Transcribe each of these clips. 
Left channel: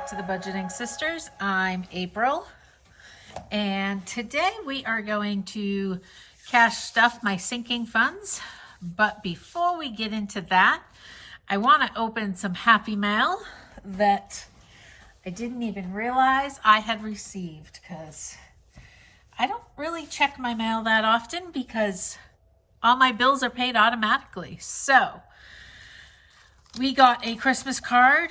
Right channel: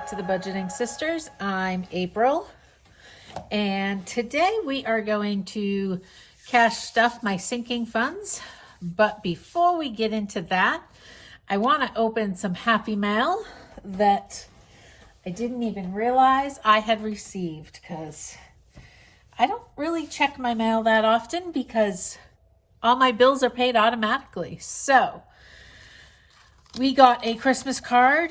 back to the Budgeting Sisters. I'm April, and today we are going to cash stuff my sinking funds. But before we get into that, I want to open some happy mail that I didn't even realize I had received, because I don't really check my mail that often because all my bills are paid automatically. So we got a Christmas card,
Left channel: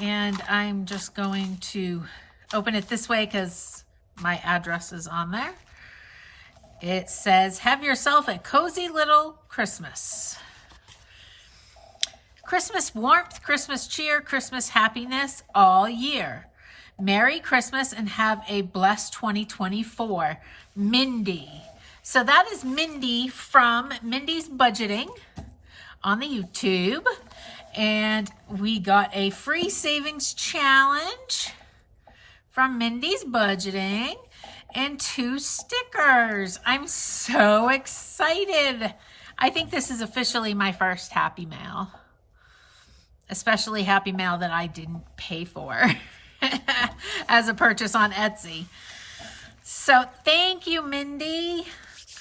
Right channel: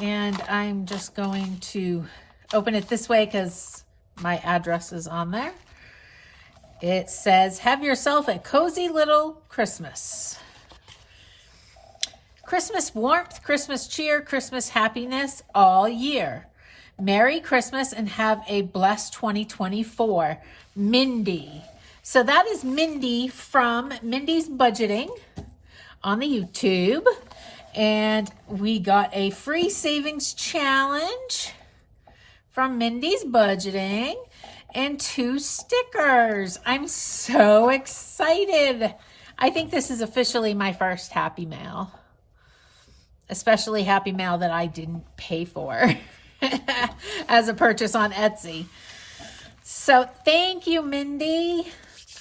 and I'm just going to open it this way because my address is on there. It says, "Have yourself a cozy little Christmas. Christmas warmth, Christmas cheer, Christmas happiness all year. Merry Christmas and have a blessed 2024. Mindy." So that is Mindy from Mindy's Budgeting on the YouTube. And we got a free savings challenge from Mindy's Budgeting and 2 stickers. I'm so excited. I think this is officially my first Happy Mail, especially Happy Mail that I didn't pay for as a purchase on Etsy. So thank you, Mindy.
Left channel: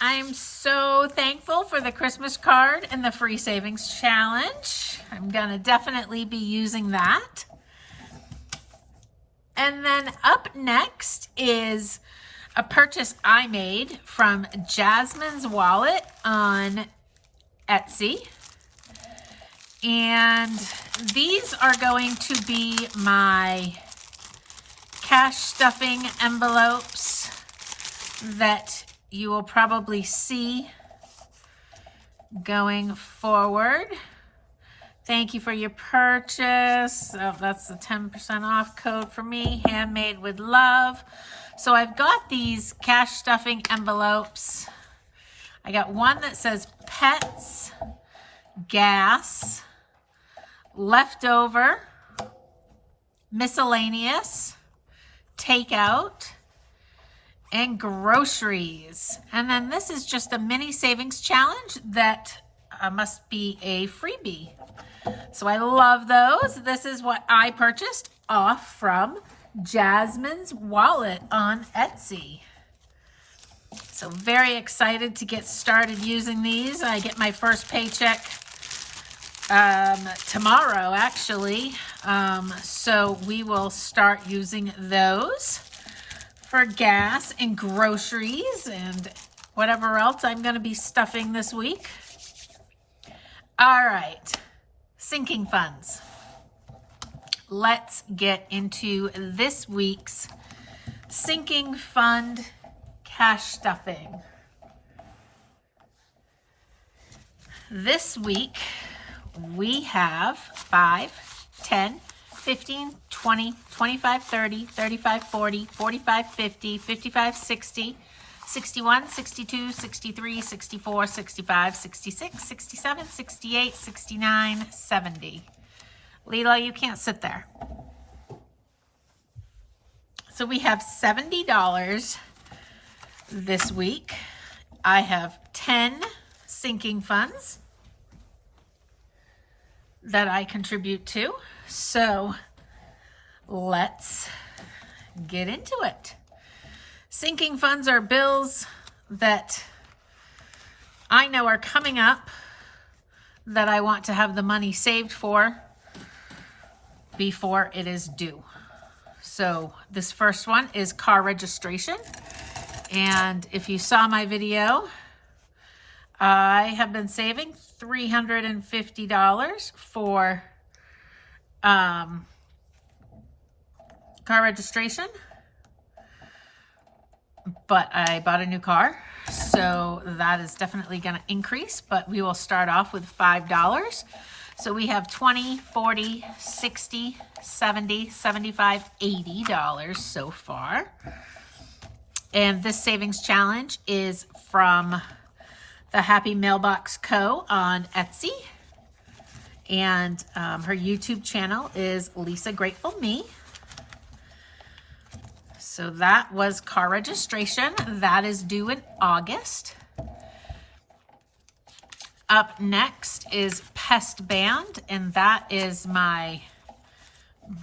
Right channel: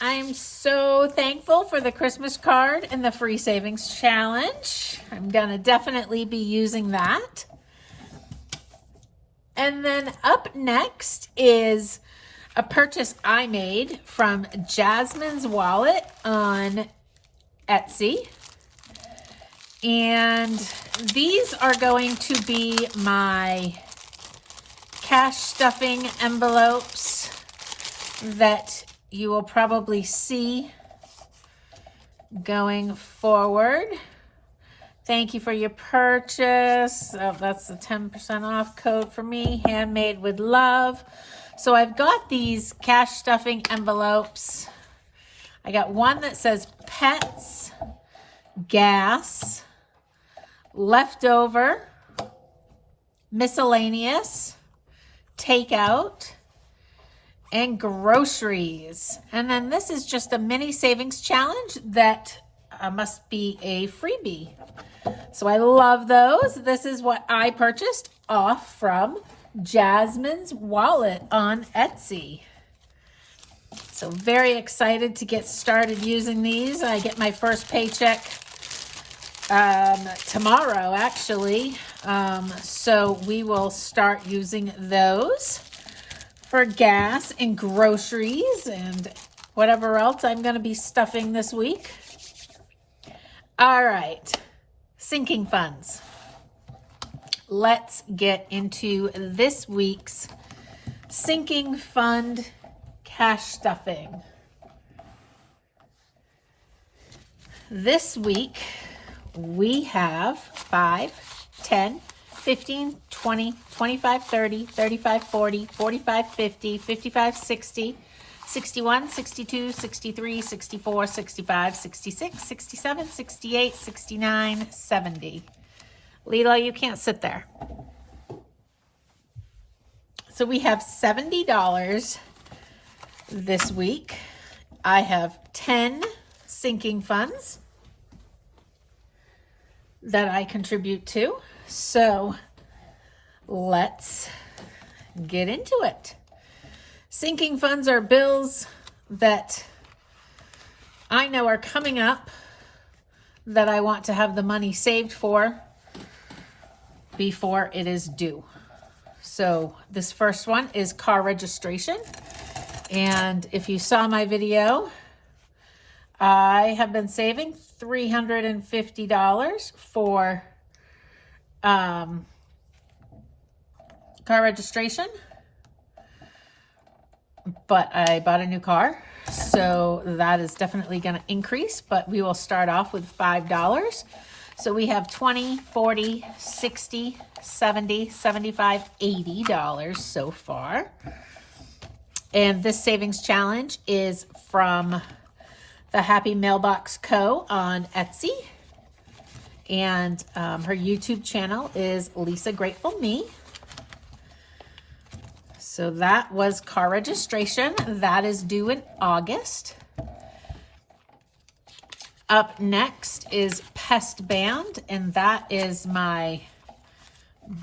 I'm so thankful for the Christmas card and the free savings challenge. I'm gonna definitely be using that. And then up next is a purchase I made from Jasmine's Wallet on Etsy. And these are going to be my cash stuffing envelopes that you will probably see going forward. Thank you for your purchase. Oh, that's the 10% off code for me, handmade with love. So I've got these cash stuffing envelopes. I got one that says pets, gas, leftover, miscellaneous, takeout, and groceries. And then this is just a mini savings challenge that must be a freebie. So I love those. This is what I purchased off from Jasmine's Wallet on Etsy. So very excited to get started using these. I get my first paycheck tomorrow, actually. So we will start using those for gas and groceries and whatever else I'm going to be stuffing this week. All right, sinking funds. Let's get into this week's sinking fund cash stuffing. This week we have 5, 10, 15, 20, 25, 30, 35, 40, 45, 50, 55, 60, 61, 62, 63, 64, 65, 66, 67, 68, 69, 70. Leela, you can't sit there. So we have $70 this week. I have 10 sinking funds that I contribute to. So let's get into it. Sinking funds are bills that I know are coming up that I want to have the money saved for before it is due. So this first one is car registration. And if you saw my video, I have been saving $350 for car registration, but I bought a new car, so that is definitely going to increase, but we will start off with $5. So we have $20, $40, $60, $70, $75, $80 so far. And this savings challenge is from the Happy Mailbox Co. on Etsy. And her YouTube channel is Lisa Grateful Me. So that was car registration. That is due in August. Up next is Pest Band, and that is my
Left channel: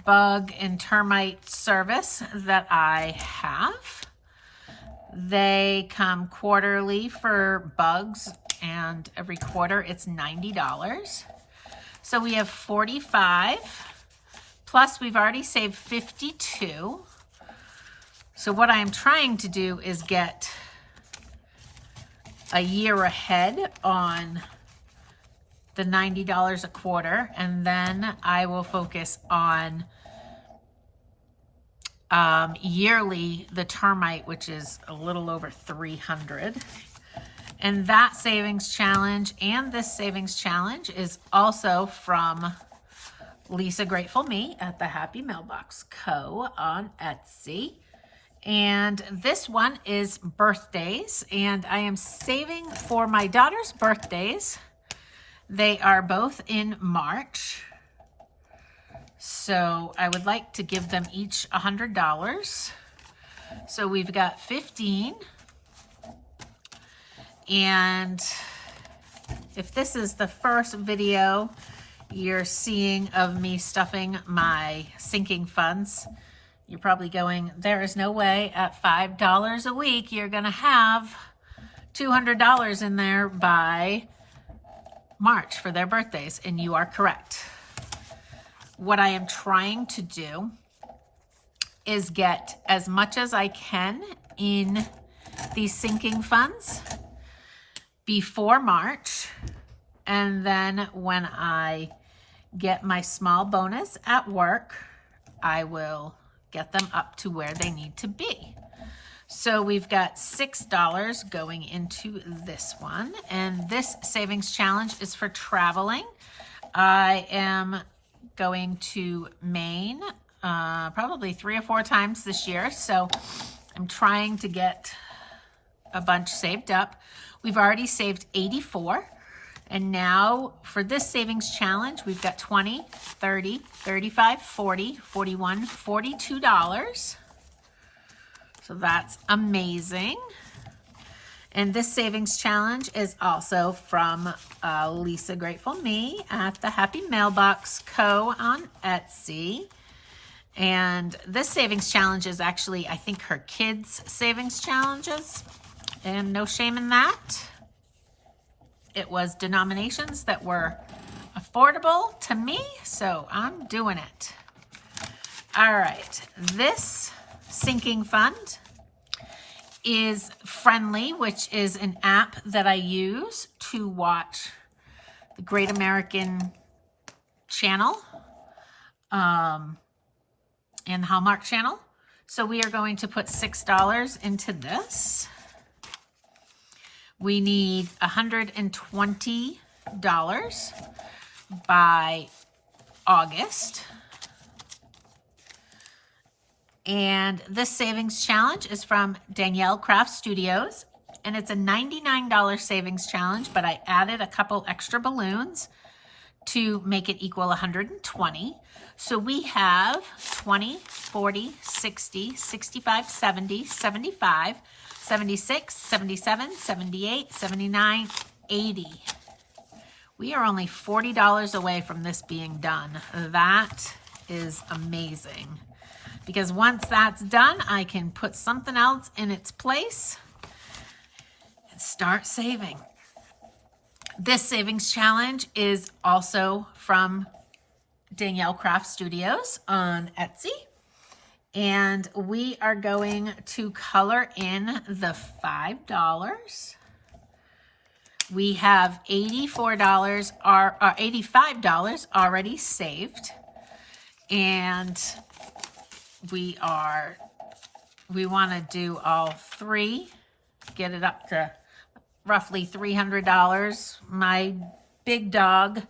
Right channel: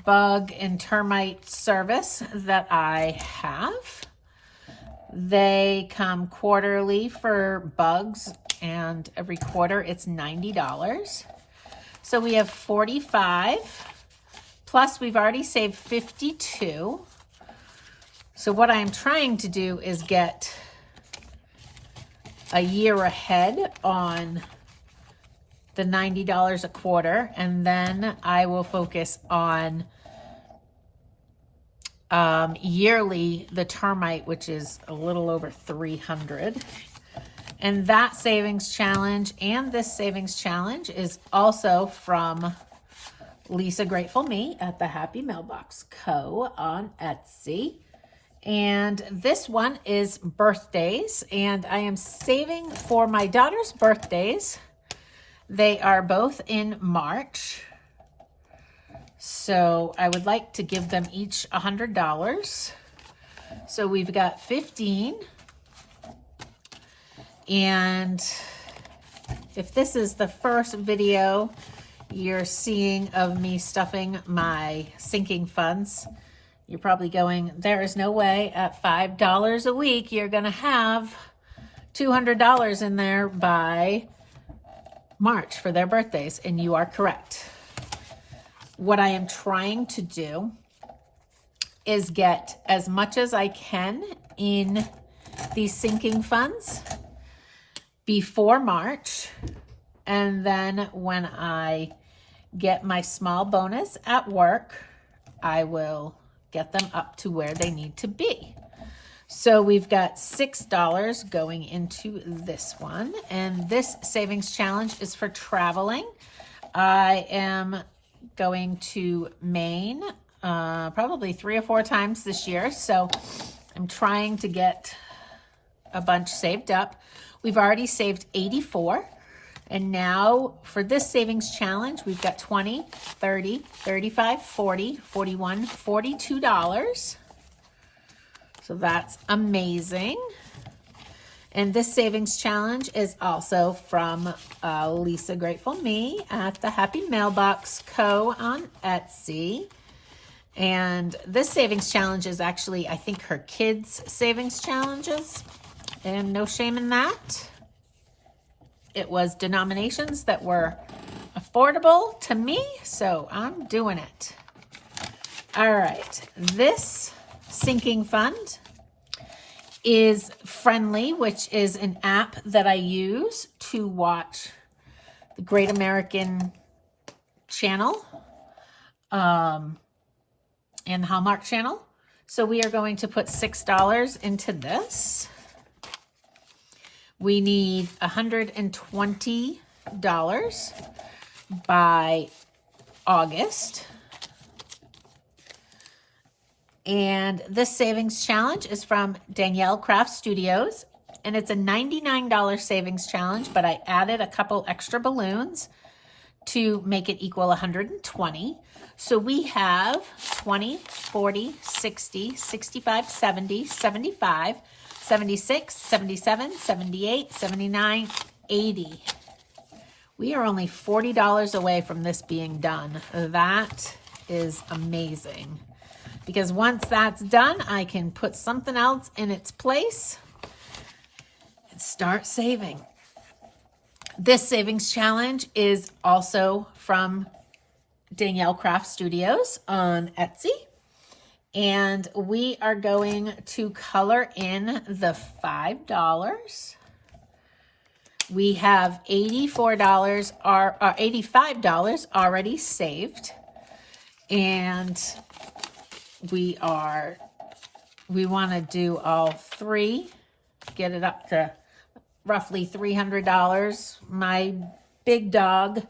bug and termite service that I have. They come quarterly for bugs, and every quarter it's $90. So we have 45, plus we've already saved 52. So what I'm trying to do is get a year ahead on the $90 a quarter, and then I will focus on yearly, the termite, which is a little over 300. And that savings challenge and this savings challenge is also from Lisa Grateful Me at the Happy Mailbox Co. on Etsy. And this one is birthdays, and I am saving for my daughter's birthdays. They are both in March. So I would like to give them each $100. So we've got 15. And if this is the first video you're seeing of me stuffing my sinking funds, you're probably going, there is no way at $5 a week you're going to have $200 in there by March for their birthdays. And you are correct. What I am trying to do is get as much as I can in these sinking funds before March. And then when I get my small bonus at work, I will get them up to where they need to be. So we've got $6 going into this one. And this savings challenge is for traveling. I am going to Maine probably 3 or 4 times this year. So I'm trying to get a bunch saved up. We've already saved 84. And now for this savings challenge, we've got 20, 30, 35, 40, 41, $42. So that's amazing. And this savings challenge is also from Lisa Grateful Me at the Happy Mailbox Co. on Etsy. And this savings challenge is actually, I think, her kids' savings challenges. And no shame in that. It was denominations that were affordable to me, so I'm doing it. All right, this sinking fund is Friendly, which is an app that I use to watch the Great American Channel and Hallmark Channel. So we are going to put $6 into this. We need $120 by August. And this savings challenge is from Danielle Craft Studios. And it's a $99 savings challenge, but I added a couple extra balloons to make it equal 120. So we have 20, 40, 60, 65, 70, 75, 76, 77, 78, 79, 80. We are only $40 away from this being done. That is amazing. Because once that's done, I can put something else in its place and start saving. This savings challenge is also from Danielle Craft Studios on Etsy. And we are going to color in the $5. We have $85 already saved. And we want to do all 3, get it up to roughly $300. My big dog,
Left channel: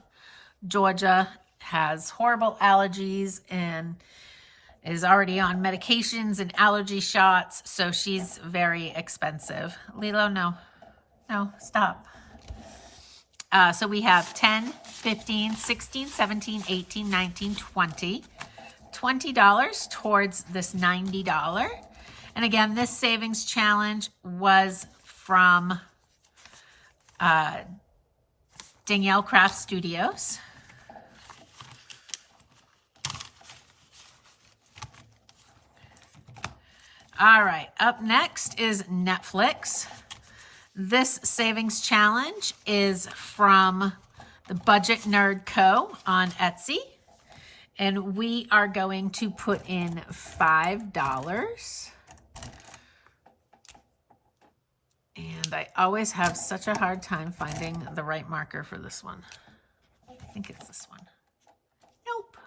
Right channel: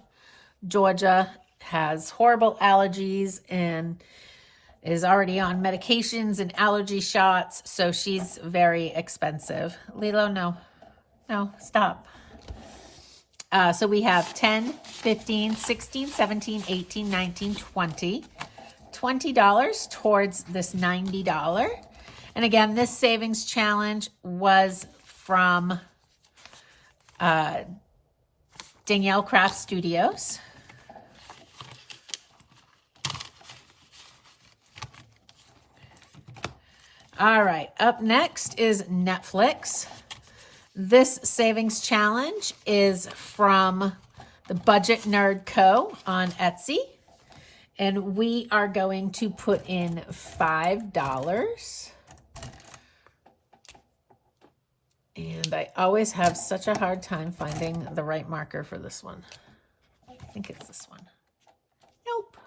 Georgia, has horrible allergies and is already on medications and allergy shots, so she's very expensive. Lilo, no, stop. So we have 10, 15, 16, 17, 18, 19, 20. $20 towards this $90. And again, this savings challenge was from Danielle Craft Studios. All right, up next is Netflix. This savings challenge is from the Budget Nerd Co. on Etsy. And we are going to put in $5. And I always have such a hard time finding the right marker for this one. I think it's this one. Nope.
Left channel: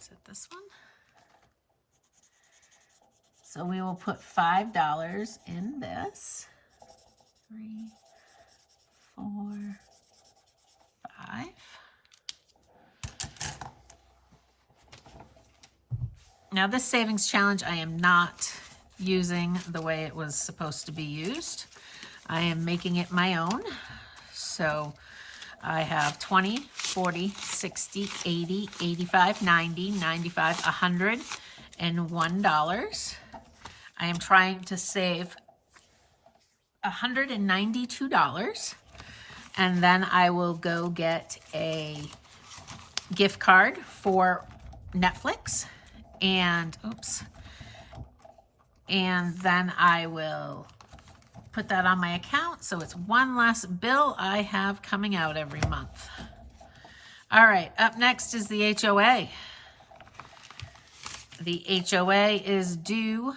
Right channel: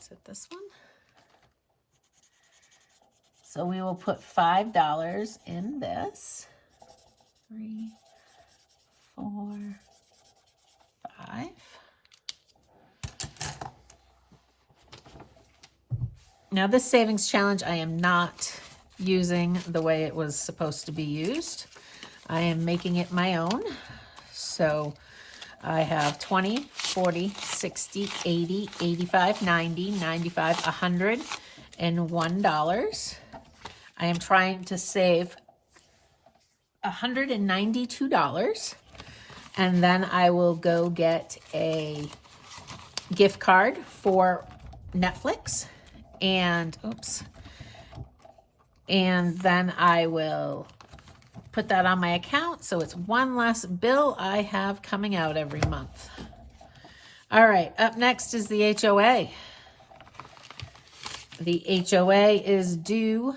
Is it this one? So we will put $5 in this. 3, 4, 5. Now this savings challenge I am not using the way it was supposed to be used. I am making it my own. So I have 20, 40, 60, 80, 85, 90, 95, $100, and $1. I am trying to save $192. And then I will go get a gift card for Netflix and then I will put that on my account so it's one less bill I have coming out every month. All right, up next is the HOA. The HOA is due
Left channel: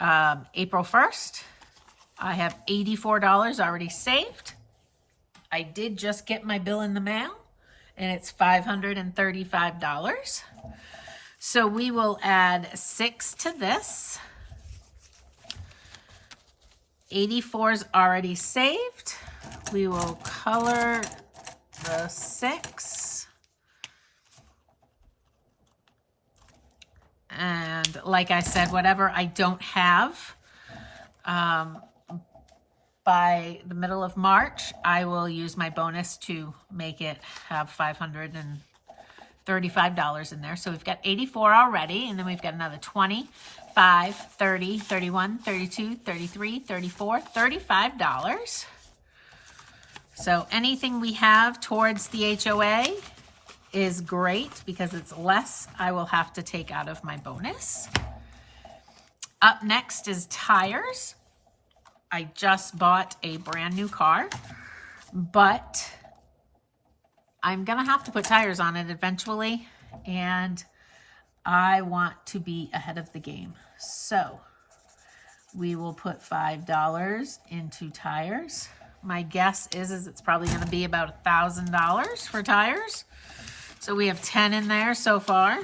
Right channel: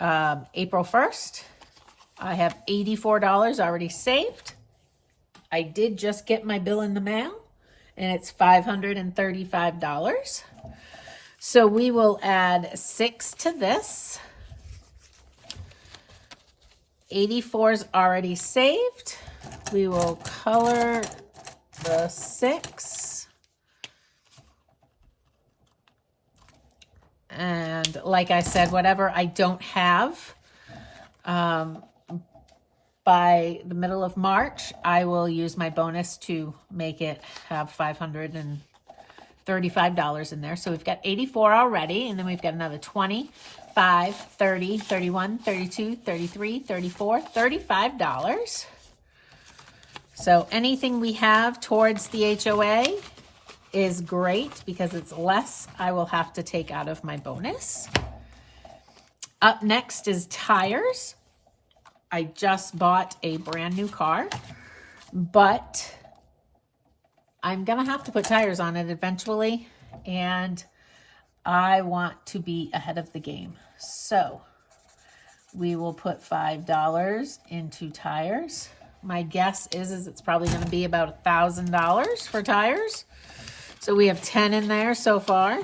April 1st. I have $84 already saved. I did just get my bill in the mail, and it's $535. So we will add 6 to this. 84 is already saved. We will color the 6. And like I said, whatever I don't have, by the middle of March, I will use my bonus to make it have $535 in there. So we've got 84 already, and then we've got another 20, 5, 30, 31, 32, 33, 34, $35. So anything we have towards the HOA is great because it's less I will have to take out of my bonus. Up next is tires. I just bought a brand new car, but I'm gonna have to put tires on it eventually, and I want to be ahead of the game. So we will put $5 into tires. My guess is it's probably gonna be about $1,000 for tires. So we have 10 in there so far.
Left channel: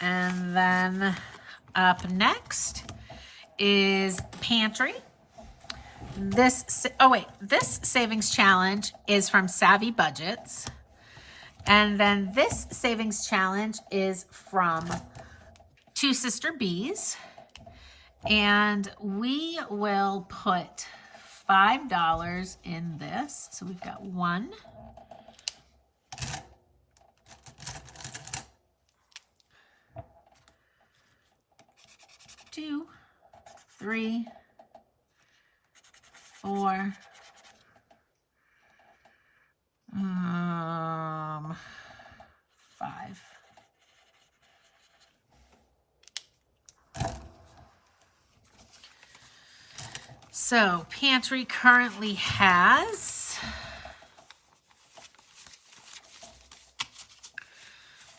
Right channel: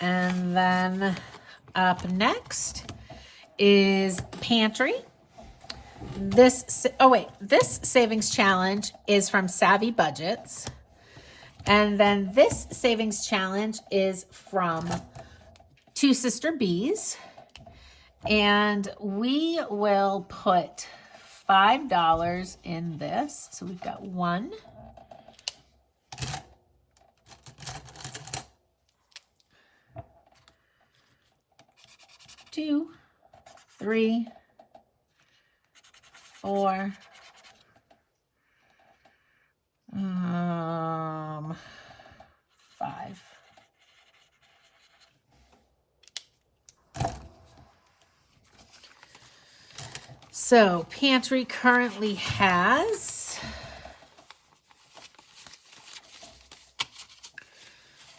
And then up next is pantry. This savings challenge is from Savvy Budgets. And then this savings challenge is from Two Sister Bees. And we will put $5 in this. So we've got 1, 2, 3, 4, 5. So pantry currently has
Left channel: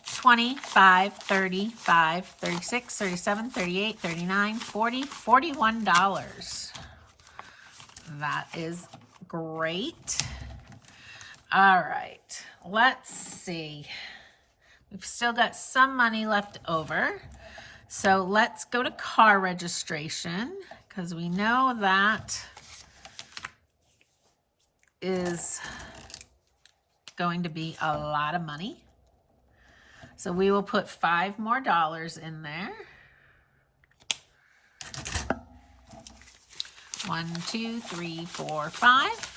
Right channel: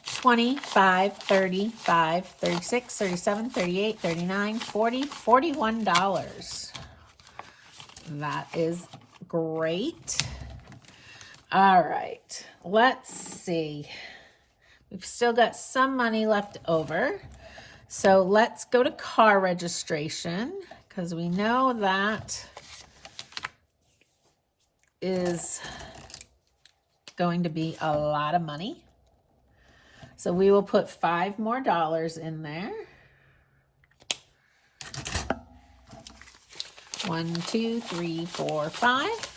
25, 35, 36, 37, 38, 39, 40, $41. That is great. All right, let's see. We've still got some money left over. So let's go to car registration because we know that is going to be a lot of money. So we will put $5 more in there. 1, 2, 3, 4, 5.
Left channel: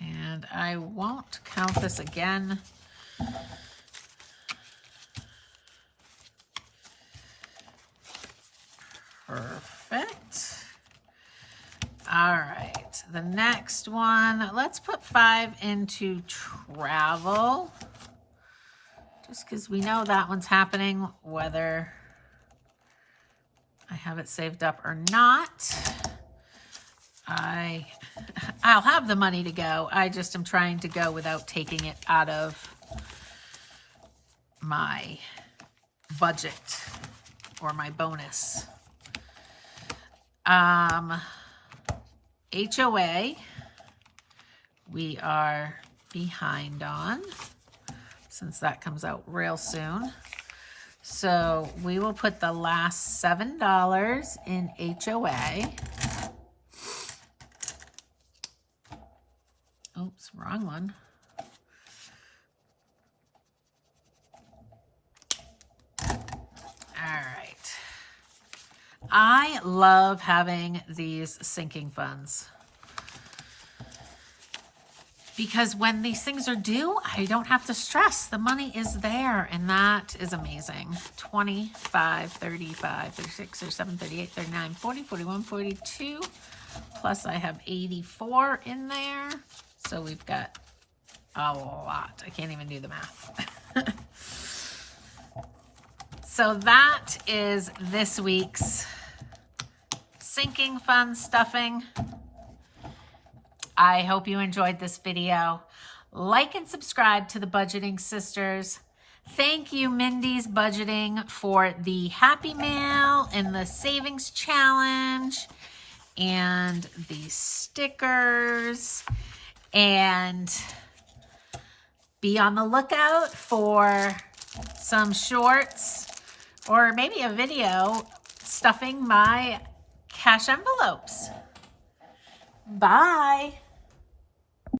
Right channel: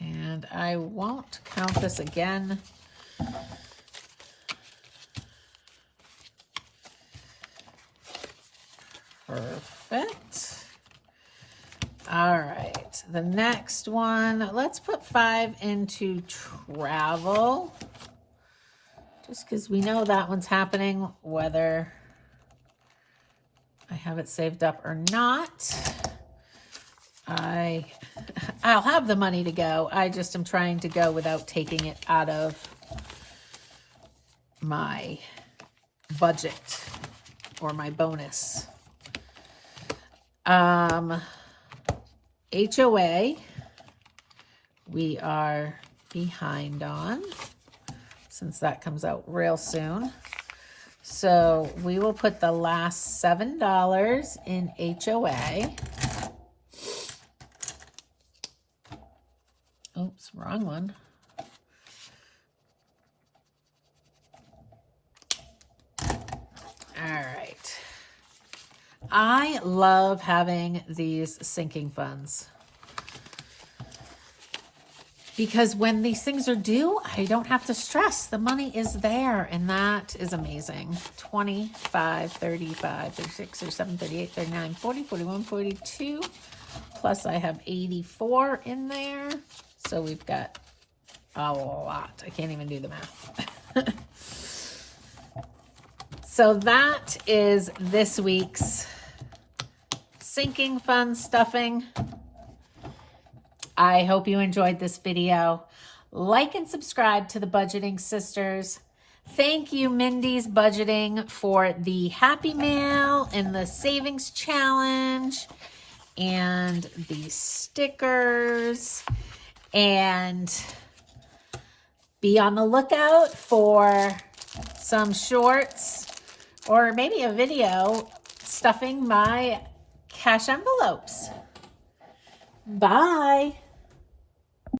And I won't count this again. Perfect. All next one, let's put 5 into travel. Just because we know that one's happening, whether I have it saved up or not. I'll have the money to go. I just am trying to go without taking it out of my budget or my bonus. HOA, we are behind on, since that comes out real soon. So we will put the last $7 in HOA. Oops, wrong one. All right. I love having these sinking funds, because when these things are due, I don't have to stress. The money is there, and that is amazing. 25, 35, 36, 37, 38, 39, 40, 41, 42. Plus I have 84 in there. So we've got a lot. I can't even do the math. So that is this week's sinking fund stuffing. I hope you enjoyed this video. Like and subscribe to the Budgeting Sisters. Thank you, Mindy's Budgeting, for the Happy Mail and the Savings Challenge and the stickers. And be on the lookout for some shorts or maybe a video stuffing my cash envelopes. Bye.